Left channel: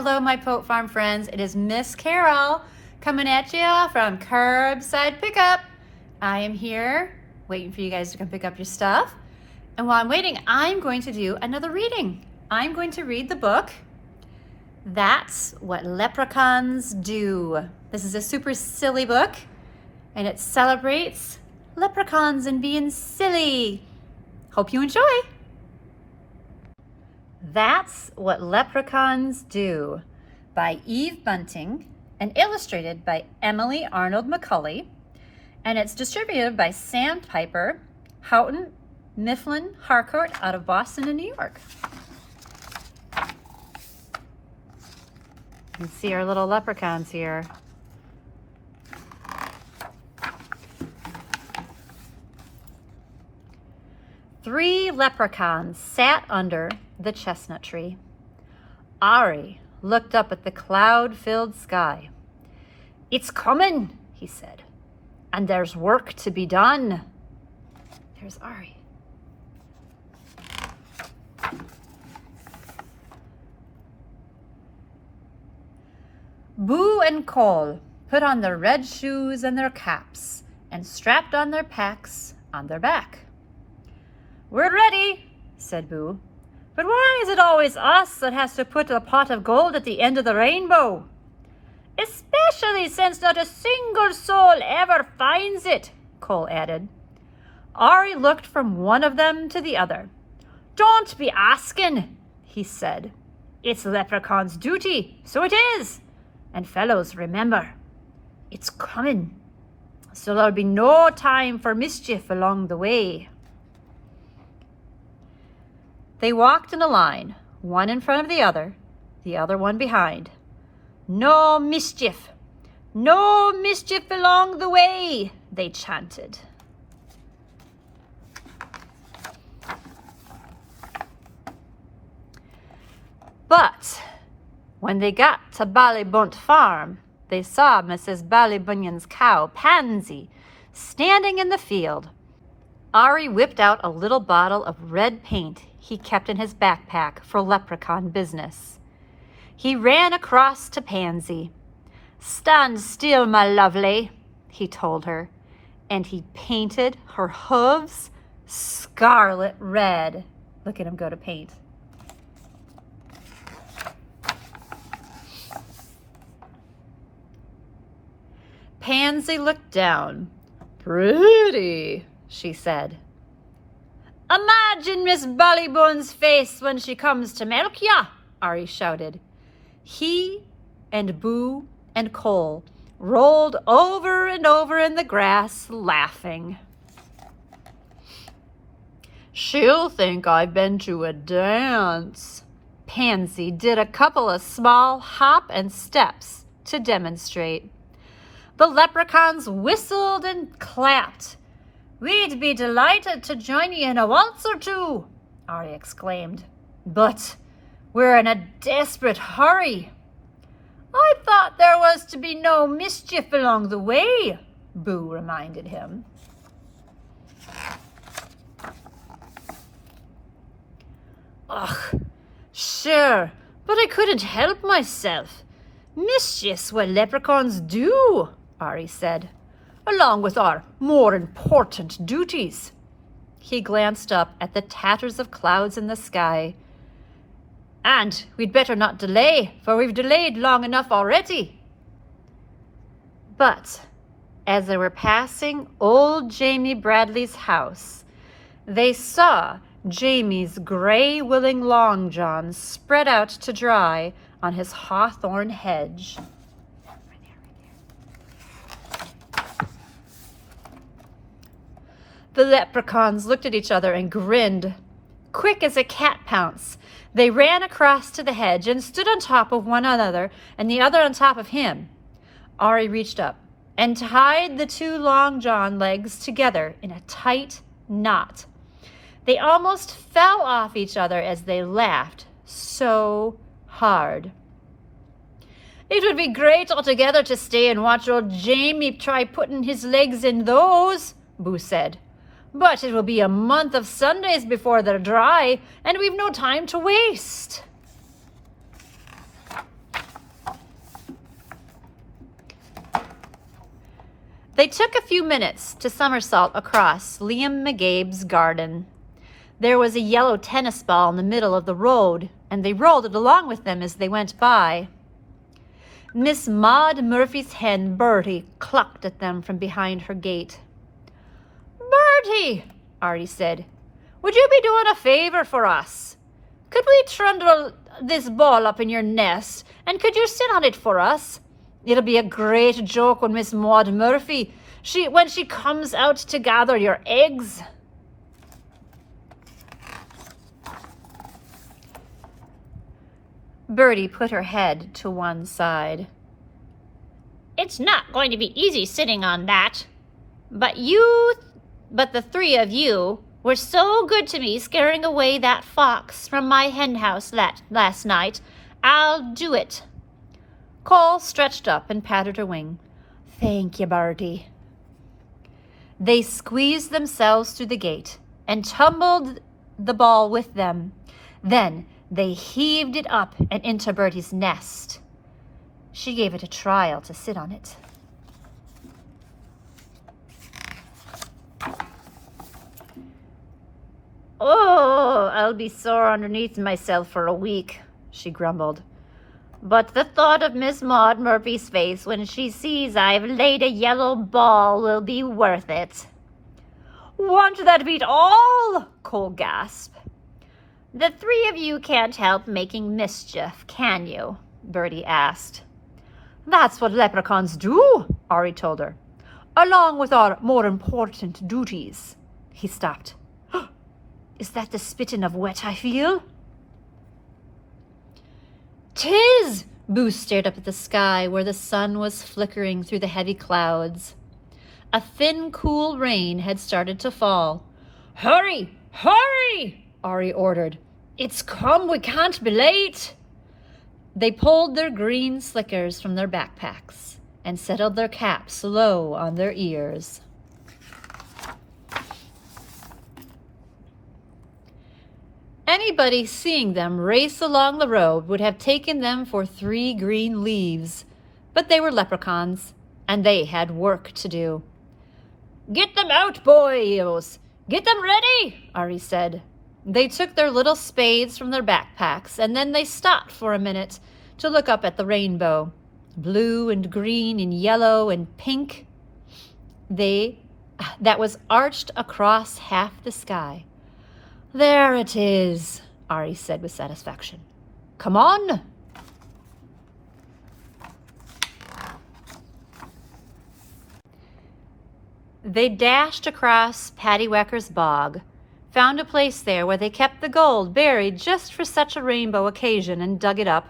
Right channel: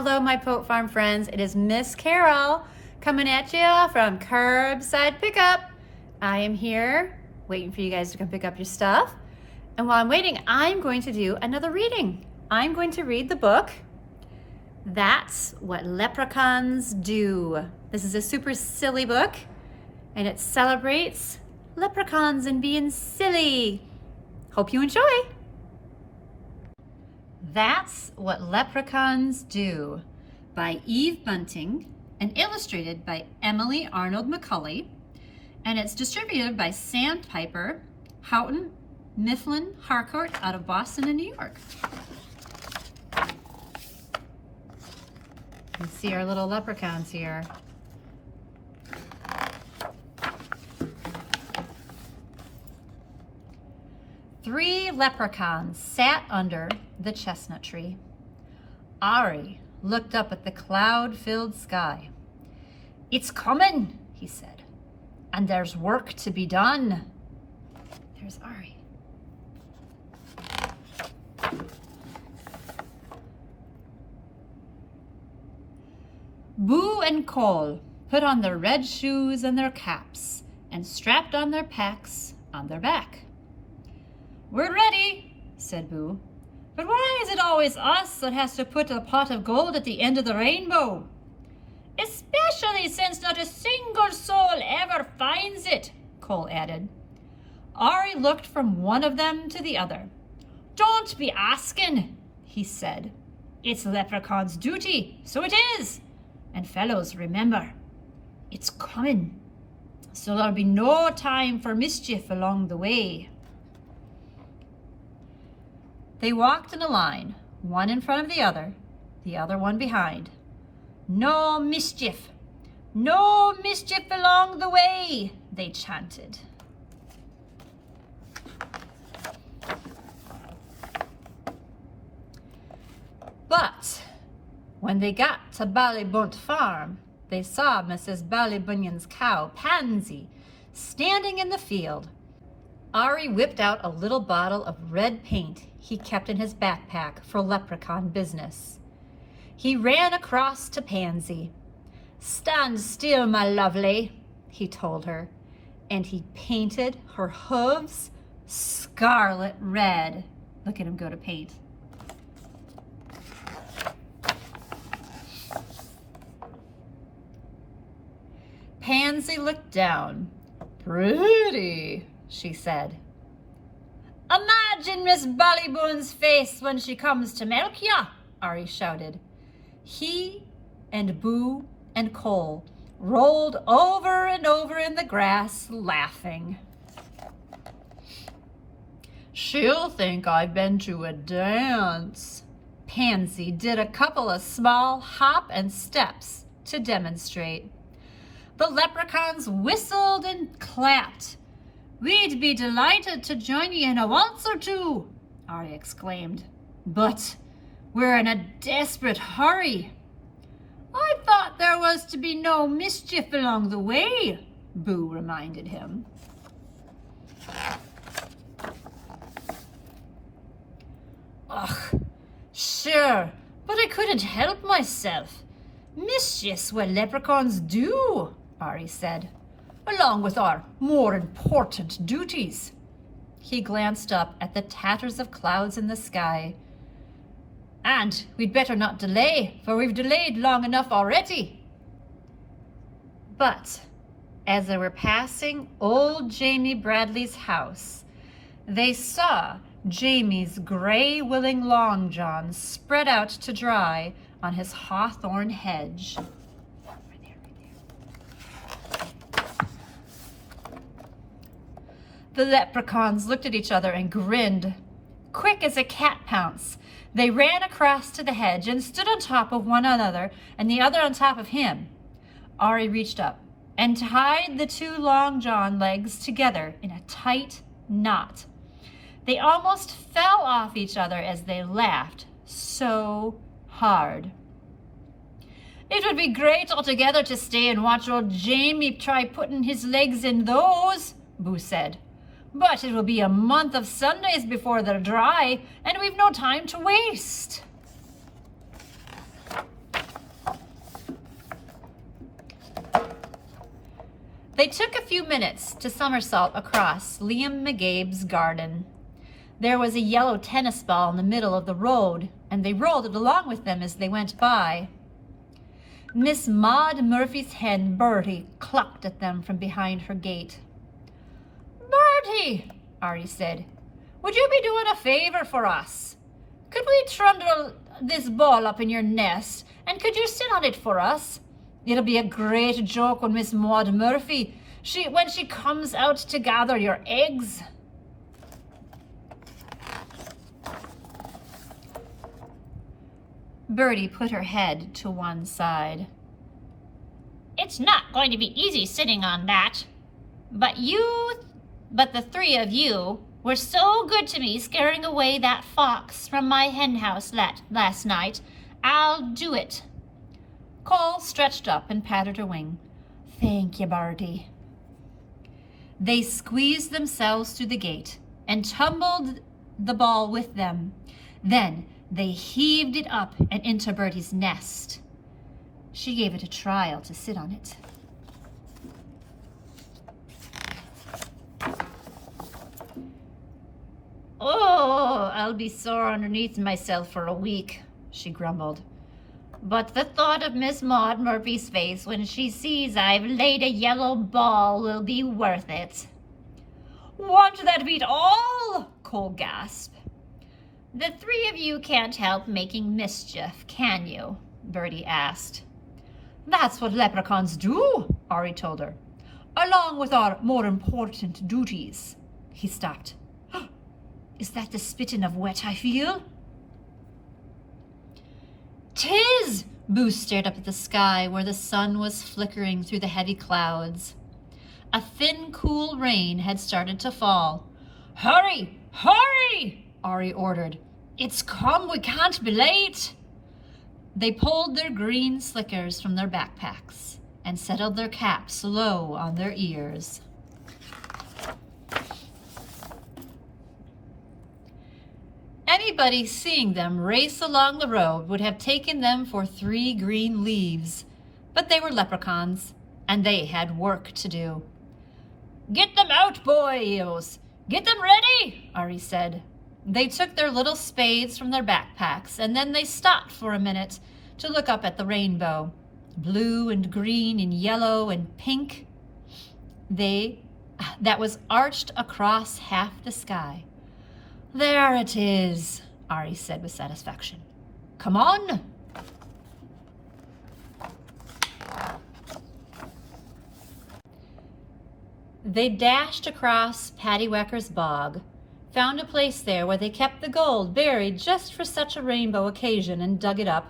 Hello, my Pote Farm friends. It is Miss Carol coming at you from Curbside Pickup. I am here waiting for you guys to come pick up your stuff. And while I'm waiting, I'm going to do another reading. I'm going to read the book, That's What Leprechauns Do. This is a super silly book, and it celebrates leprechauns and being silly. Hope you enjoy. That's What Leprechauns Do by Eve Bunting and illustrated by Emily Arnold McCulley. And it's distributed by Sandpiper, Houghton, Mifflin, Harcourt out of Boston and New York. You can see our little leprechauns here. Three leprechauns sat under the chestnut tree. Ari looked up at the cloud-filled sky. "It's coming," he said, "and there's work to be done." There's Ari. Boo and Cole put on their red shoes and their caps and strapped on their packs on their back. "We're ready," said Boo. "But why is it always us that has to put a pot of gold at the end of the rainbow?" "Especially since not a single soul ever finds it," Cole added. Ari looked from one of them to the other. "Don't be asking," he said. "It's Leprechaun's duty, so it is. And fellows, remember, it's coming, so there'll be no time for mischief along the way." They walked in a line, one in front of the other one behind. "No mischief along the way," they chanted. But when they got to Ballybunt Farm, they saw Mrs. Ballybunion's cow, Pansy, standing in the field. Ari whipped out a little bottle of red paint he kept in his backpack for leprechaun business. He ran across to Pansy. "Stand still, my lovely," he told her, and he painted her hooves scarlet red. Look at him go to paint. Pansy looked down. "Pretty," she said. "Imagine Miss Ballybun's face when she comes to milk ya," Ari shouted. He and Boo and Cole rolled over and over in the grass, laughing. "She'll think I've been to a dance." Pansy did a couple of small hop and steps to demonstrate. The leprechauns whistled and clapped. "We'd be delighted to join you in a waltz or two," Ari exclaimed. "But we're in a desperate hurry." "I thought there was to be no mischief along the way," Boo reminded him. "Ugh, sure, but I couldn't help myself. Mischief's what leprechauns do," Ari said, "along with our more important duties." He glanced up at the tatters of clouds in the sky. "And we'd better not delay, for we've delayed long enough already." But as they were passing old Jamie Bradley's house, they saw Jamie's gray willing long john spread out to dry on his hawthorn hedge. The leprechauns looked at each other and grinned. Quick as a cat pounce, they ran across to the hedge and stood on top of one another and the other on top of him. Ari reached up and tied the two long john legs together in a tight knot. They almost fell off each other as they laughed so hard. "It would be great altogether to stay and watch old Jamie try putting his legs in those," Boo said. "But it will be a month of Sundays before they're dry, and we've no time to waste." They took a few minutes to somersault across Liam McGabe's garden. There was a yellow tennis ball in the middle of the road, and they rolled it along with them as they went by. Miss Maud Murphy's hen, Bertie, clucked at them from behind her gate. "Bertie," Ari said, "would you be doing a favor for us? Could we trundle this ball up in your nest, and could you sit on it for us? It'll be a great joke when Miss Maud Murphy, when she comes out to gather your eggs." Bertie put her head to one side. "It's not going to be easy sitting on that. But the three of you were so good to me scaring away that fox from my hen house last night. I'll do it." Cole stretched up and patted her wing. "Thank you, Bertie." They squeezed themselves through the gate and tumbled the ball with them. Then they heaved it up and into Bertie's nest. She gave it a trial to sit on it. "Oh, I'll be sore underneath myself for a week," she grumbled. "But the thought of Miss Maud Murphy's face when she sees I've laid a yellow ball will be worth it." "Won't that beat all?" Cole gasped. "The three of you can't help making mischief, can you?" Bertie asked. "That's what leprechauns do," Ari told her, "along with our more important duties." He stopped. "Is that the spitting of wet I feel?" "'Tis!" Boo stared up at the sky where the sun was flickering through the heavy clouds. A thin, cool rain had started to fall. "Hurry! Hurry!" Ari ordered. "It's come! We can't be late!" They pulled their green slickers from their backpacks and settled their caps low on their ears. Anybody seeing them race along the road would have taken them for 3 green leaves, but they were leprechauns, and they had work to do. "Get them out, boys! Get them ready!" Ari said. They took their little spades from their backpacks, and then they stopped for a minute to look up at the rainbow, blue and green and yellow and pink. That was arched across half the sky. "There it is," Ari said with satisfaction. "Come on." They dashed across Paddywhacker's bog, found a place there where they kept the gold buried just for such a rainbow occasion, and dug it up.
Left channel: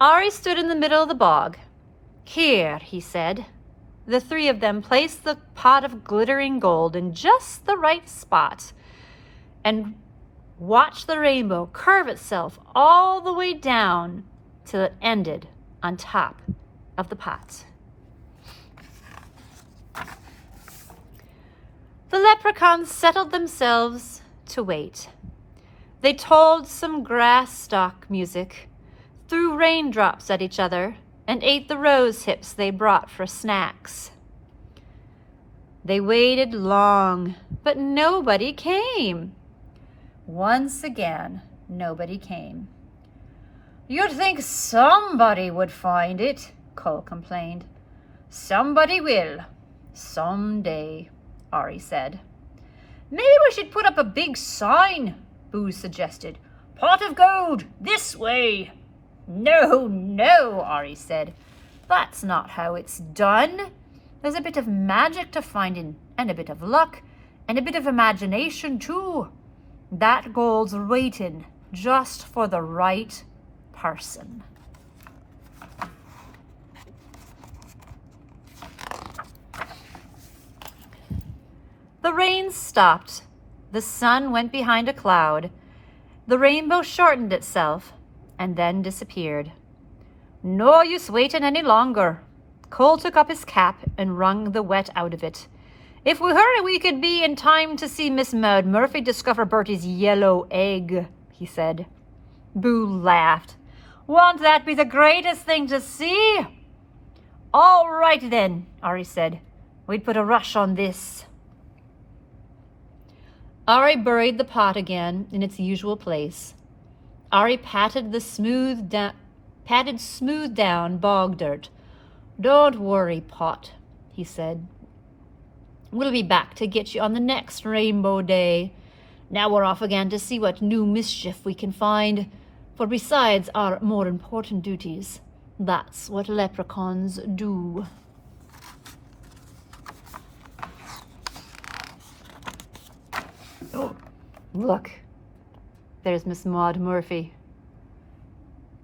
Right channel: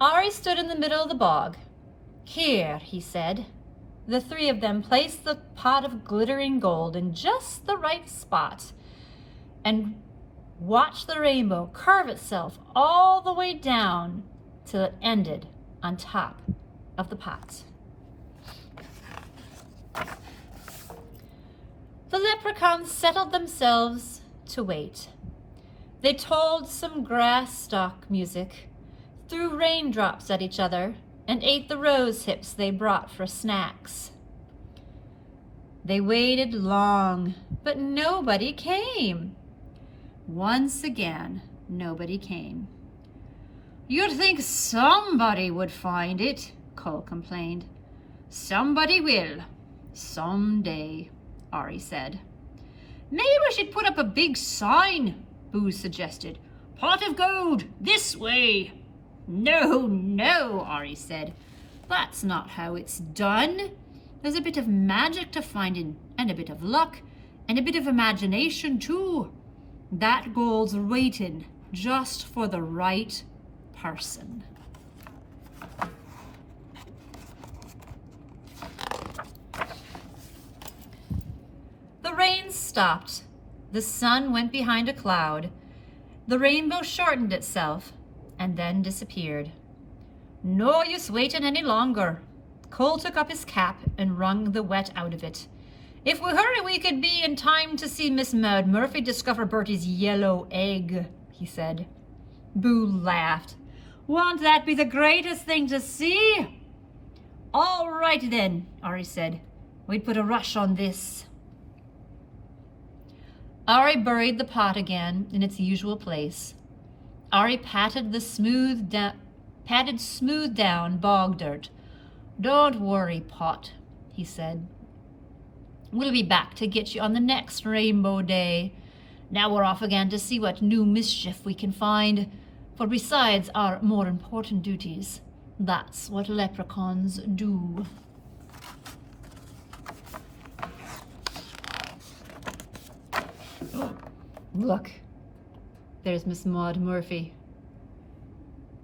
Ari stood in the middle of the bog. "Here," he said. The three of them placed the pot of glittering gold in just the right spot and watched the rainbow curve itself all the way down till it ended on top of the pot. The leprechauns settled themselves to wait. They told some grass stalk music, threw raindrops at each other, and ate the rose hips they brought for snacks. They waited long, but nobody came. Once again, nobody came. "You'd think somebody would find it," Cole complained. "Somebody will, someday," Ari said. "Maybe we should put up a big sign," Boo suggested. "Pot of gold, this way." "No, no," Ari said. "That's not how it's done. There's a bit of magic to finding, and a bit of luck, and a bit of imagination too. That gold's waiting just for the right person." The rain stopped. The sun went behind a cloud. The rainbow shortened itself and then disappeared. No use waiting any longer. Cole took up his cap and wrung the wet out of it. "If we hurry, we could be in time to see Miss Maud Murphy discover Bertie's yellow egg," he said. Boo laughed. "Won't that be the greatest thing to see?" "All right then," Ari said. we'd put a rush on this. Ari buried the pot again in its usual place. Ari patted smooth down bog dirt. Don't worry, Pot, he said. We'll be back to get you on the next rainbow day. Now we're off again to see what new mischief we can find, for besides our more important duties, that's what leprechauns do. Oh, look, there's Miss Maud Murphy.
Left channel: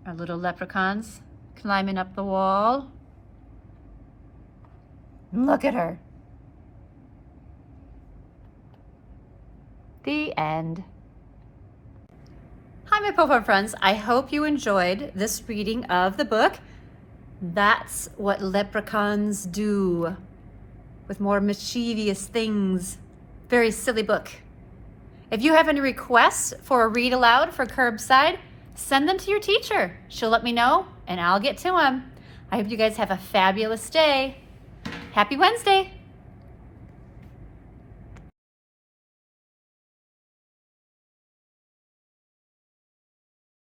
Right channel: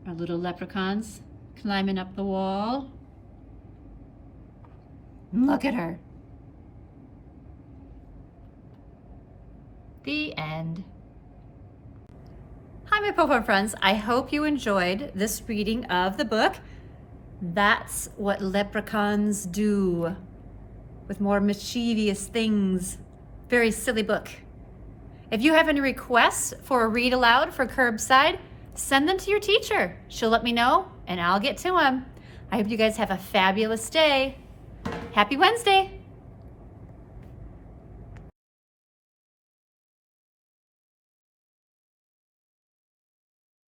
Our little leprechauns climbing up the wall. Look at her. The end. Hi, my Pokemon friends. I hope you enjoyed this reading of the book. That's what leprechauns do, with more mischievous things. Very silly book. If you have any requests for a read aloud for Curbside, send them to your teacher. She'll let me know and I'll get to them. I hope you guys have a fabulous day. Happy Wednesday.